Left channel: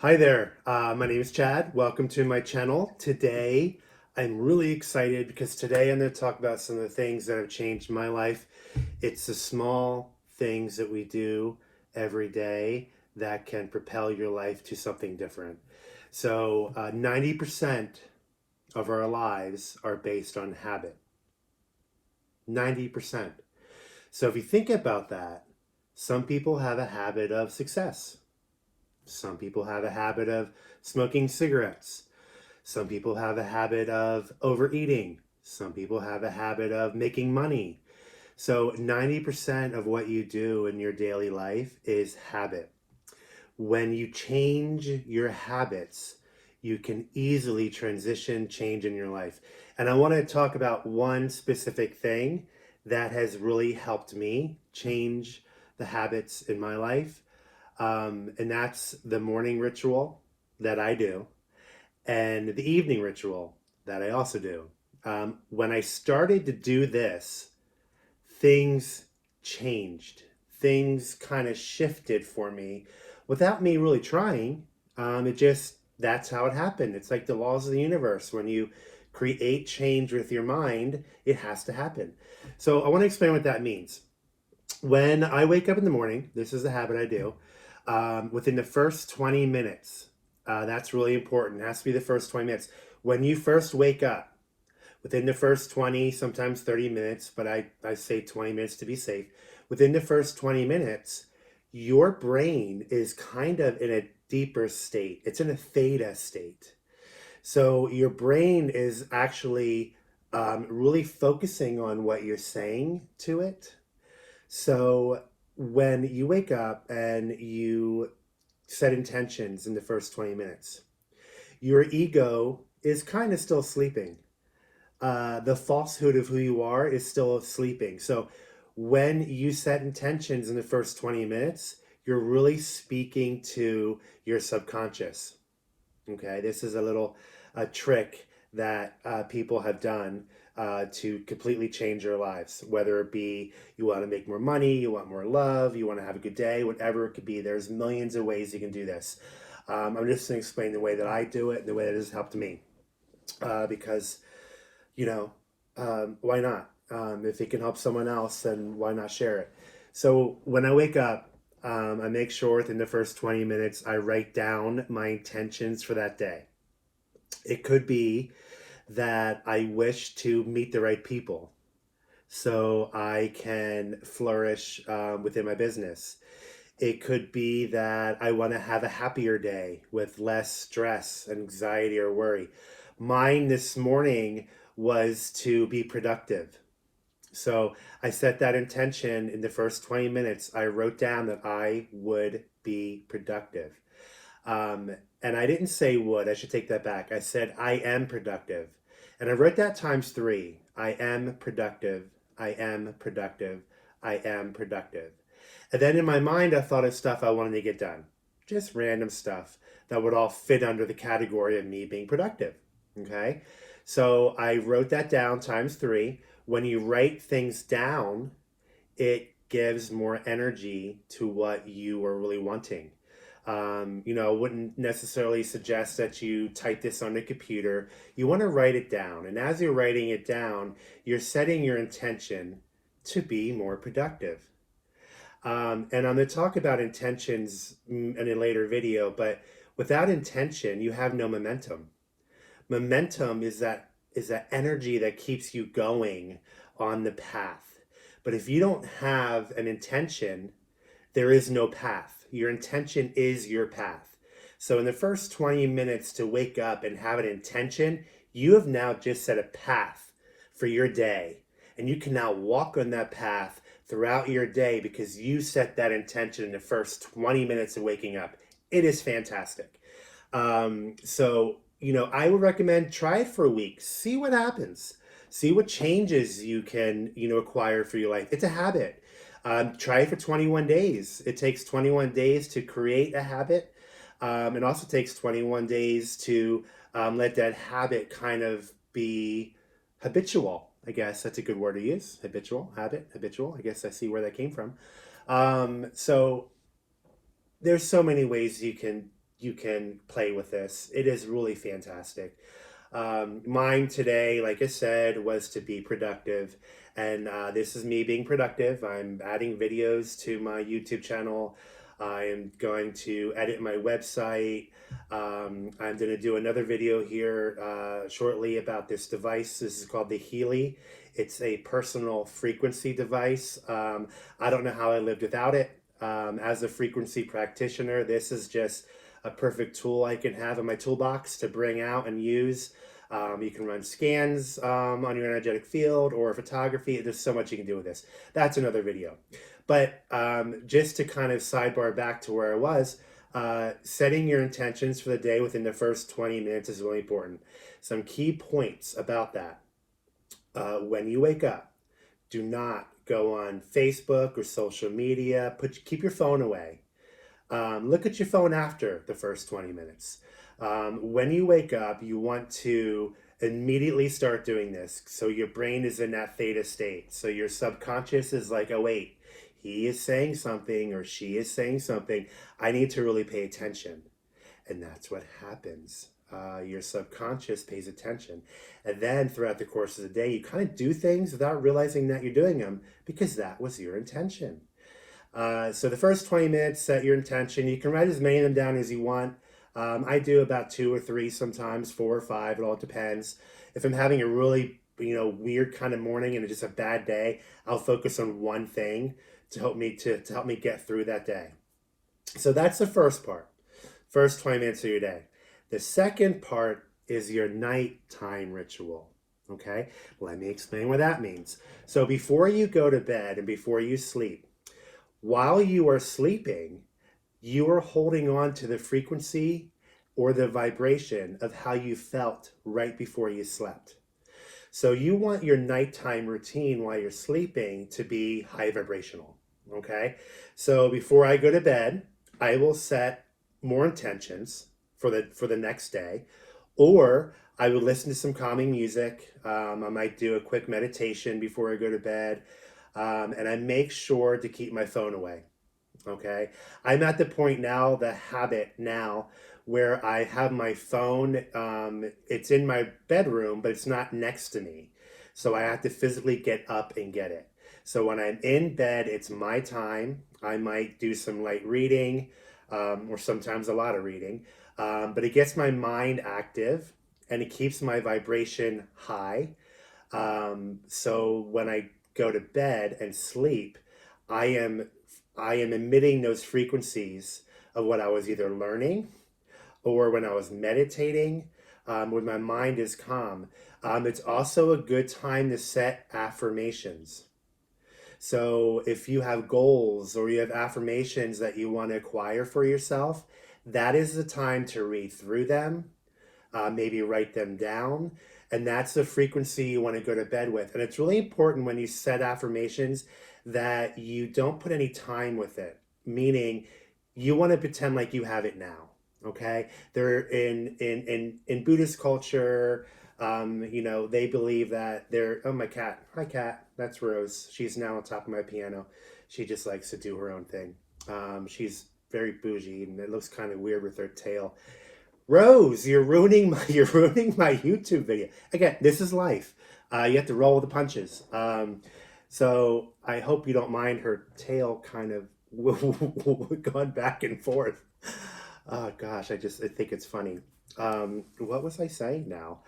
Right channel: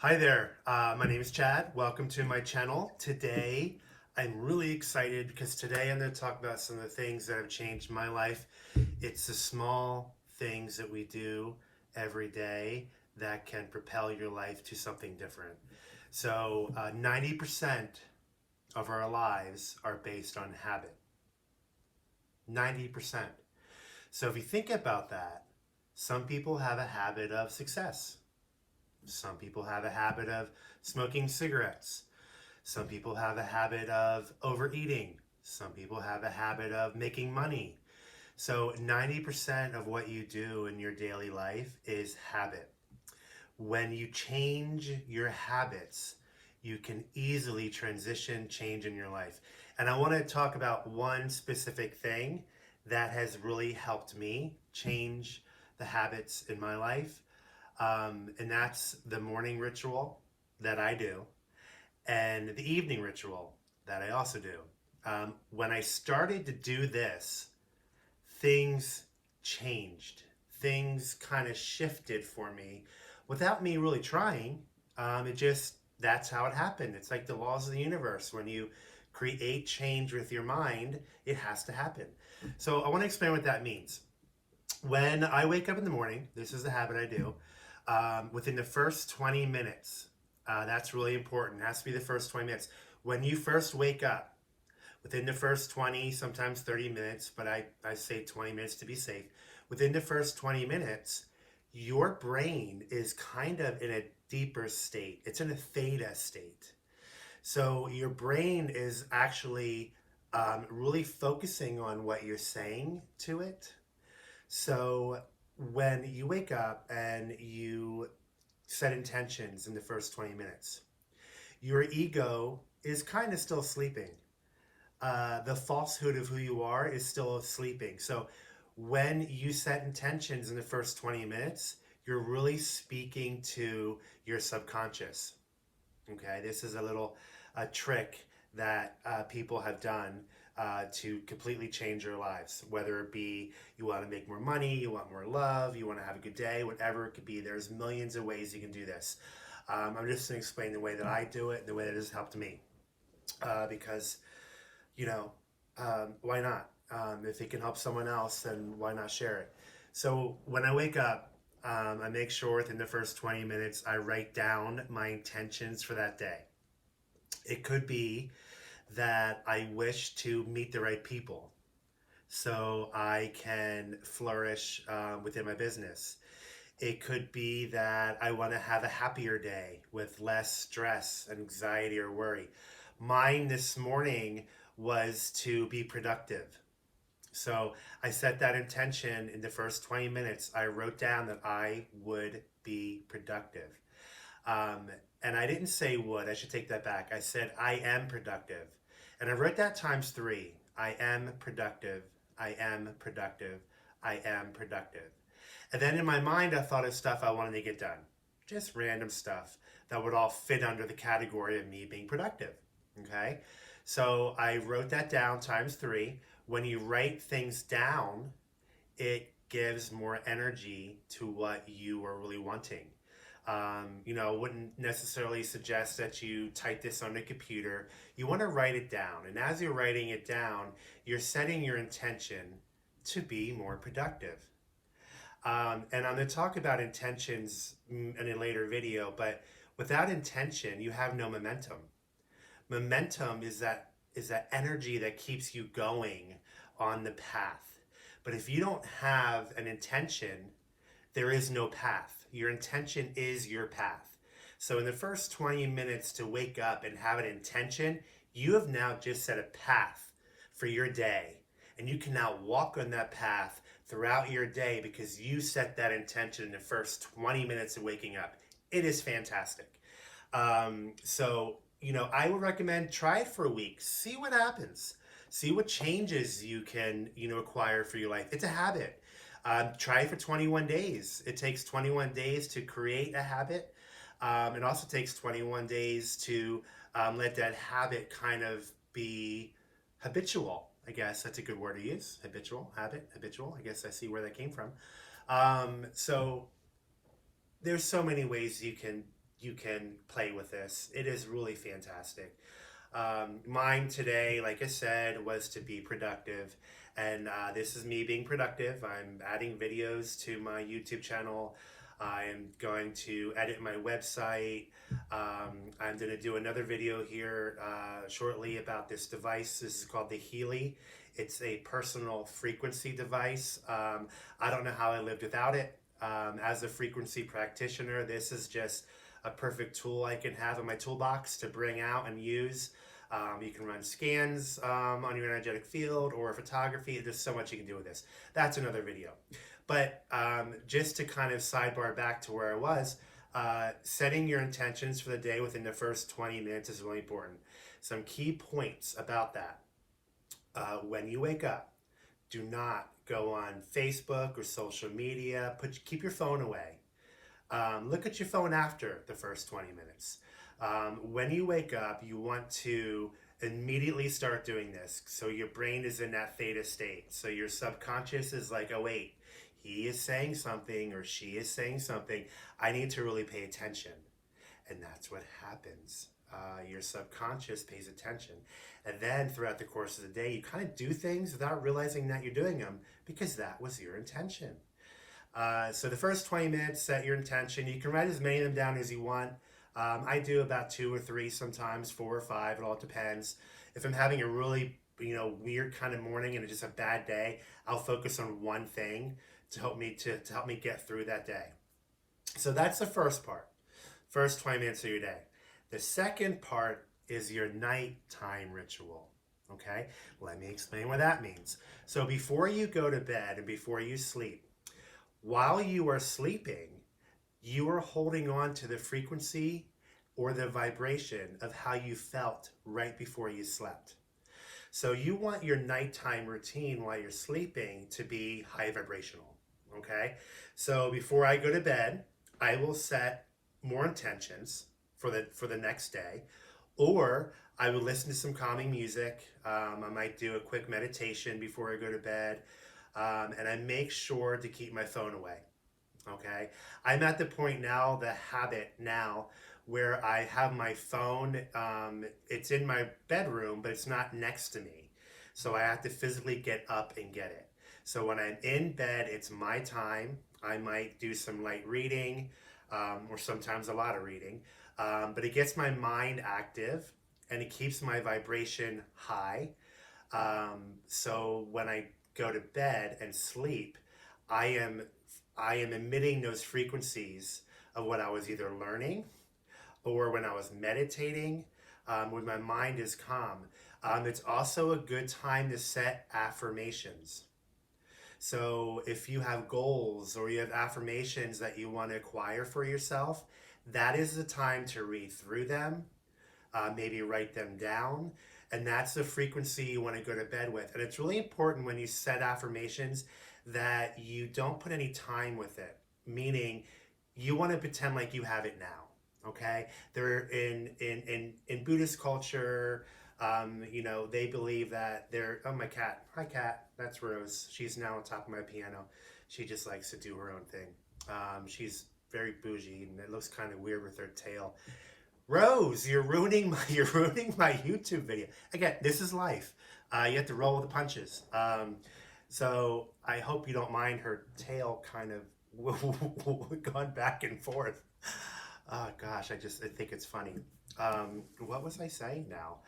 Hi there, my name is Chad. Welcome to my channel. Today, I'm really excited because today I'm going to talk about some of the things that have changed my life. It's the small things that we do every day that can propel your life to something different. So, 90% of our lives are based on habit. 90%. So, if you think about that, some people have a habit of success. Some people have a habit of smoking cigarettes. Some people have a habit of overeating. Some people have a habit of making money. So 90% of what you do in your daily life is habit. When you change your habits, you can easily transition change in your life. And I want to talk about one specific thing that has really helped me change the habits in my life. And that's the morning ritual that I do and the evening ritual that I also do. When I started to do this, things changed. Things kind of shifted for me without me really trying. That's how it happened. It's like the laws of the universe. When you create change with your mind, it has to happen. So I want to explain what that means. When I wake up in the morning, this is a habit I do, within the first 20 minutes, that's really important. It has to be the first 20 minutes. When you first wake up, within the first 20, sometimes 30 minutes, but I say 20 minutes to be safe. Within the first 20 minutes, your brain is kind of in a deeper state. It's in a theta state. So your brain is actually really focusing on what you're saying to it. So when you wake up and you set intentions in the first 20 minutes, your ego is kind of still sleeping. The falsehood of who you are is still sleeping. So when you set intentions in the first 20 minutes, you're really speaking to your subconscious. Okay, this is a trick that people have done to completely change your lives. Whether it be you want to make more money, you want more love, you want to have a good day, whatever it could be. There's millions of ways you can do this. I'm just going to explain the way that I do it and the way that has helped me. Because you know, why not? If it can help someone else, then why not share it? So when I wake up, I make sure within the first 20 minutes I write down my intentions for that day. It could be that I wish to meet the right people so I can flourish within my business. It could be that I want to have a happier day with less stress, anxiety, or worry. Mine this morning was to be productive. So I set that intention in the first 20 minutes. I wrote down that I would be productive. Um, and I didn't say would, I should take that back. I said I am productive. And I wrote that times three. I am productive. I am productive. I am productive. And then in my mind, I thought of stuff I wanted to get done. Just random stuff that would all fit under the category of me being productive. Okay. So I wrote that down times three. When you write things down, it gives more energy to what you are really wanting. Wouldn't necessarily suggest that you type this on a computer. You want to write it down. And as you're writing it down, you're setting your intention to be more productive. And I'm going to talk about intentions in a later video, but without intention, you have no momentum. Momentum is that energy that keeps you going on the path. But if you don't have an intention, there is no path. Your intention is your path. So in the first 20 minutes to wake up and have an intention, you have now just set a path for your day. And you can now walk on that path throughout your day because you set that intention in the first 20 minutes of waking up. It is fantastic. I would recommend try it for a week. See what happens. See what changes you can, acquire for your life. It's a habit. Try it for 21 days. It takes 21 days to create a habit. It also takes 21 days to let that habit kind of be habitual. I guess that's a good word to use. Habitual, habit, habitual. I guess I see where that came from. So there's so many ways you can you can play with this. It is really fantastic. Mine today, like I said, was to be productive. And this is me being productive. I'm adding videos to my YouTube channel. I am going to edit my website. I'm going to do another video here shortly about this device. This is called the Healy. It's a personal frequency device. I don't know how I lived without it. As a frequency practitioner, this is just a perfect tool I can have in my toolbox to bring out and use. You can run scans on your energetic field or photography. There's so much you can do with this. That's another video. But just to kind of sidebar back to where I was, setting your intentions for the day within the first 20 minutes is really important. Some key points about that. When you wake up, do not go on Facebook or social media. Keep your phone away. Look at your phone after the first 20 minutes. When you wake up, you want to immediately start doing this. So your brain is in that theta state. So your subconscious is like, oh, wait, he is saying something or she is saying something. I need to really pay attention. And that's what happens. Your subconscious pays attention. And then throughout the course of the day, you kind of do things without realizing that you're doing them because that was your intention. So the first 20 minutes, set your intention. You can write as many of them down as you want. I do about 2 or 3, sometimes 4 or 5. It all depends. If I'm having a really, weird kind of morning and it's just a bad day, I'll focus on one thing to help me get through that day. So that's the first part. First 20 minutes of your day. The second part is your nighttime ritual. Okay? Let me explain what that means. So before you go to bed and before you sleep, while you are sleeping, you are holding on to the frequency or the vibration of how you felt right before you slept. So you want your nighttime routine while you're sleeping to be high vibrational, okay? So before I go to bed, I will set more intentions for the next day, or I will listen to some calming music. I might do a quick meditation before I go to bed, and I make sure to keep my phone away. Okay, I'm at the point now, the habit now, where I have my phone. It's in my bedroom, but it's not next to me, so I have to physically get up and get it. So when I'm in bed, it's my time. I might do some light reading, or sometimes a lot of reading, but it gets my mind active and it keeps my vibration high. So when I go to bed and sleep, I am emitting those frequencies of what I was either learning or when I was meditating, when my mind is calm. It's also a good time to set affirmations. So if you have goals or you have affirmations that you want to acquire for yourself, that is the time to read through them, maybe write them down. And that's the frequency you want to go to bed with. And it's really important when you set affirmations that you don't put any time with it, meaning you want to pretend like you have it now. Okay, they're in Buddhist culture. They believe that they're, oh, my cat, hi cat, that's Rose. She's now on top of my piano. She just likes to do her own thing. She's very bougie and it looks kind of weird with her tail. Rose, you're ruining my YouTube video. Again, this is life. You have to roll with the punches. So I hope you don't mind her tail kind of going back and forth. Oh gosh, I think it's funny. What was I saying now?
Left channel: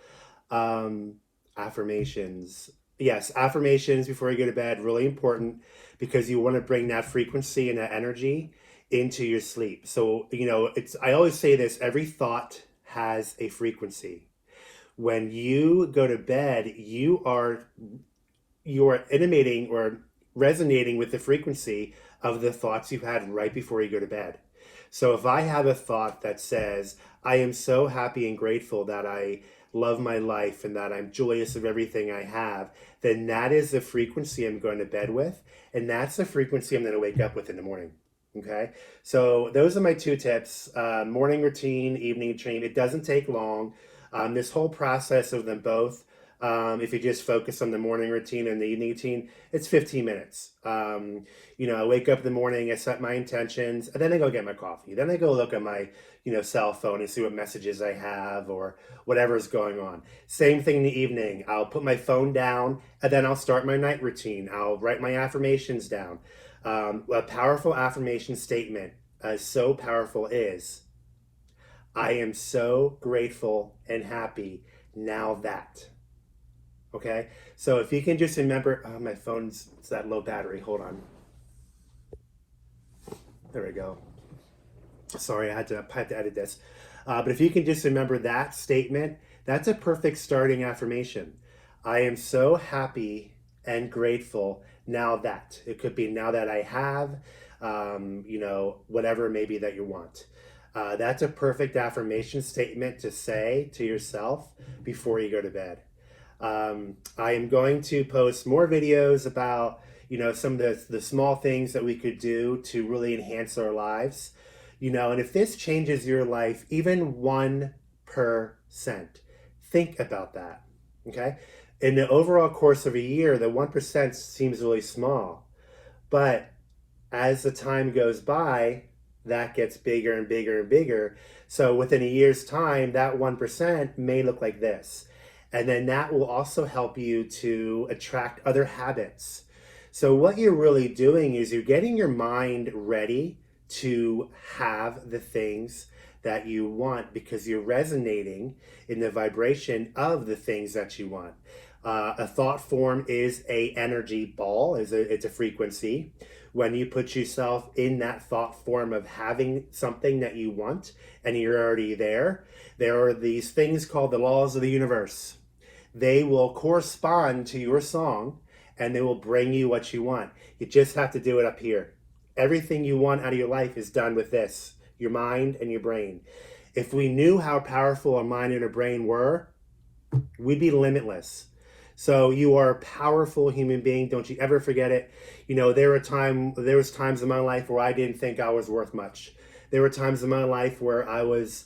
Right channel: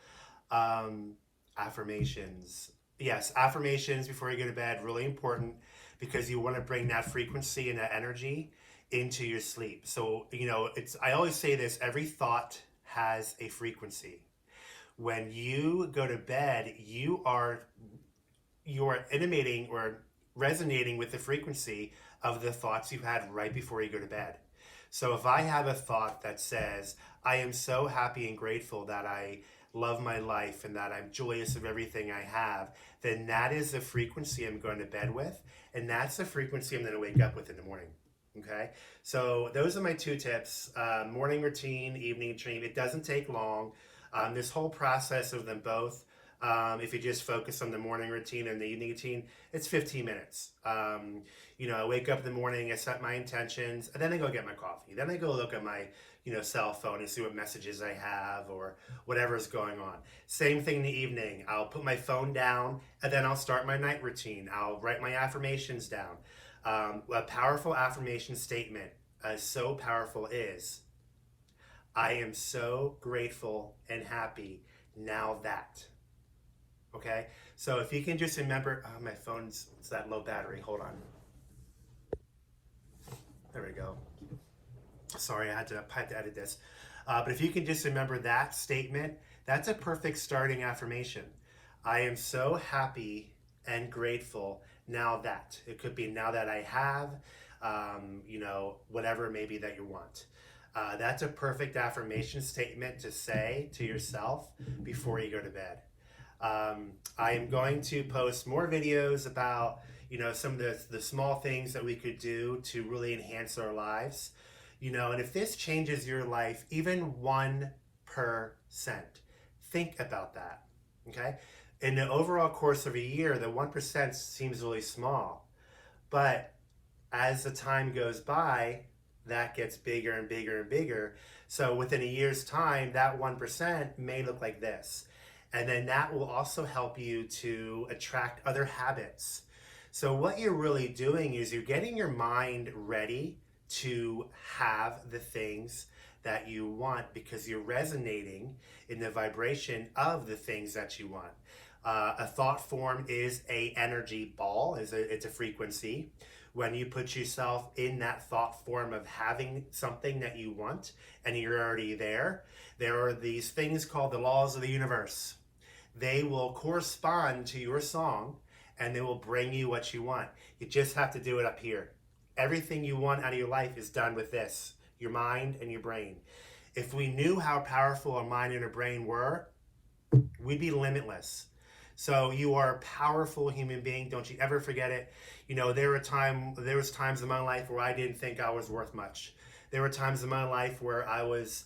Affirmations. Yes, affirmations before you go to bed, really important because you want to bring that frequency and that energy into your sleep. So, I always say this, every thought has a frequency. When you go to bed, you are intimating or resonating with the frequency of the thoughts you've had right before you go to bed. So if I have a thought that says, I am so happy and grateful that I love my life and that I'm joyous of everything I have, then that is the frequency I'm going to bed with. And that's the frequency I'm going to wake up with in the morning. Okay, so those are my 2 tips. Morning routine, evening routine. It doesn't take long. This whole process of them both If you just focus on the morning routine and the evening routine, it's 15 minutes. I wake up in the morning, I set my intentions, and then I go get my coffee. Then I go look at my, cell phone and see what messages I have or whatever's going on. Same thing in the evening. I'll put my phone down and then I'll start my night routine. I'll write my affirmations down. A powerful affirmation statement, so powerful, is, I am so grateful and happy now that. Okay? So if you can just remember, oh, my phone's, it's that low battery. Hold on. There we go. Sorry, I had to edit this. But if you can just remember that statement, that's a perfect starting affirmation. I am so happy and grateful now that. It could be now that I have, whatever it may be that you want. That's a perfect affirmation statement to say to yourself before you go to bed. I am going to post more videos about, some of the small things that we could do to really enhance our lives. And if this changes your life, even 1%, think about that, okay? In the overall course of a year, the 1% seems really small. But as the time goes by, that gets bigger and bigger and bigger. So within a year's time, that 1% may look like this. And then that will also help you to attract other habits. So what you're really doing is you're getting your mind ready to have the things that you want because you're resonating in the vibration of the things that you want. A thought form is a energy ball, it's a frequency. When you put yourself in that thought form of having something that you want and you're already there are these things called the laws of the universe. They will correspond to your song and they will bring you what you want. You just have to do it up here. Everything you want out of your life is done with this, your mind and your brain. If we knew how powerful our mind and our brain were, we'd be limitless. So you are a powerful human being. Don't you ever forget it. There was times in my life where I didn't think I was worth much. There were times in my life where I was,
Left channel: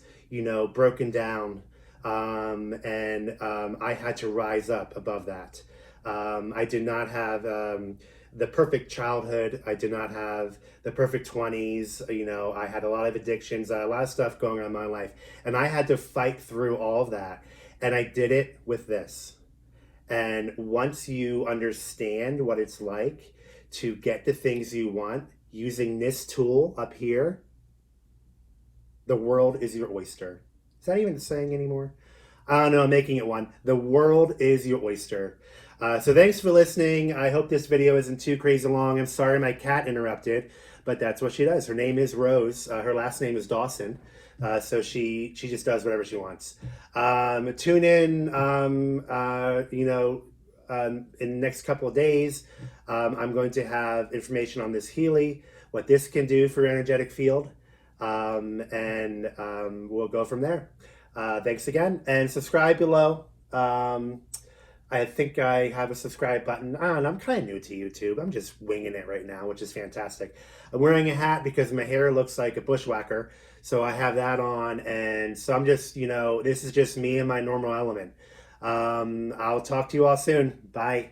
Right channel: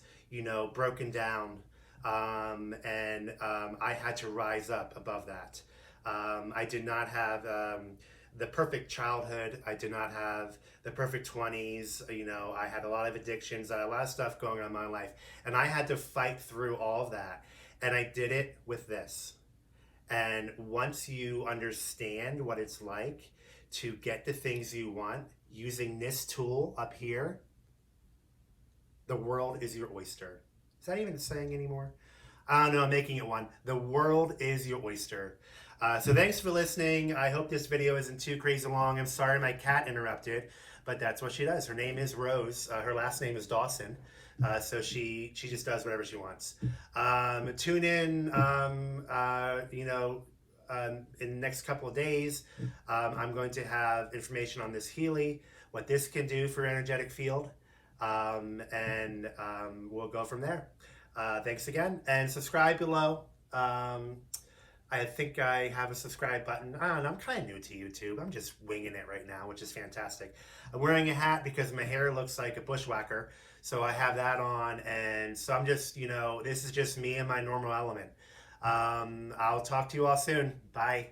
broken down. I had to rise up above that. I did not have the perfect childhood. I did not have the perfect 20s. I had a lot of addictions. I had a lot of stuff going on in my life. And I had to fight through all of that. And I did it with this. And once you understand what it's like to get the things you want using this tool up here, the world is your oyster. Is that even a saying anymore? I don't know, I'm making it one. The world is your oyster. So thanks for listening. I hope this video isn't too crazy long. I'm sorry my cat interrupted, but that's what she does. Her name is Rose. Her last name is Dawson. So she just does whatever she wants. Tune in, in the next couple of days. I'm going to have information on this Healy, what this can do for your energetic field. We'll go from there. Thanks again, and subscribe below. I think I have a subscribe button. I don't know, I'm kind of new to YouTube. I'm just winging it right now, which is fantastic. I'm wearing a hat because my hair looks like a bushwhacker, so I have that on, and so I'm just, this is just me in my normal element. I'll talk to you all soon. Bye.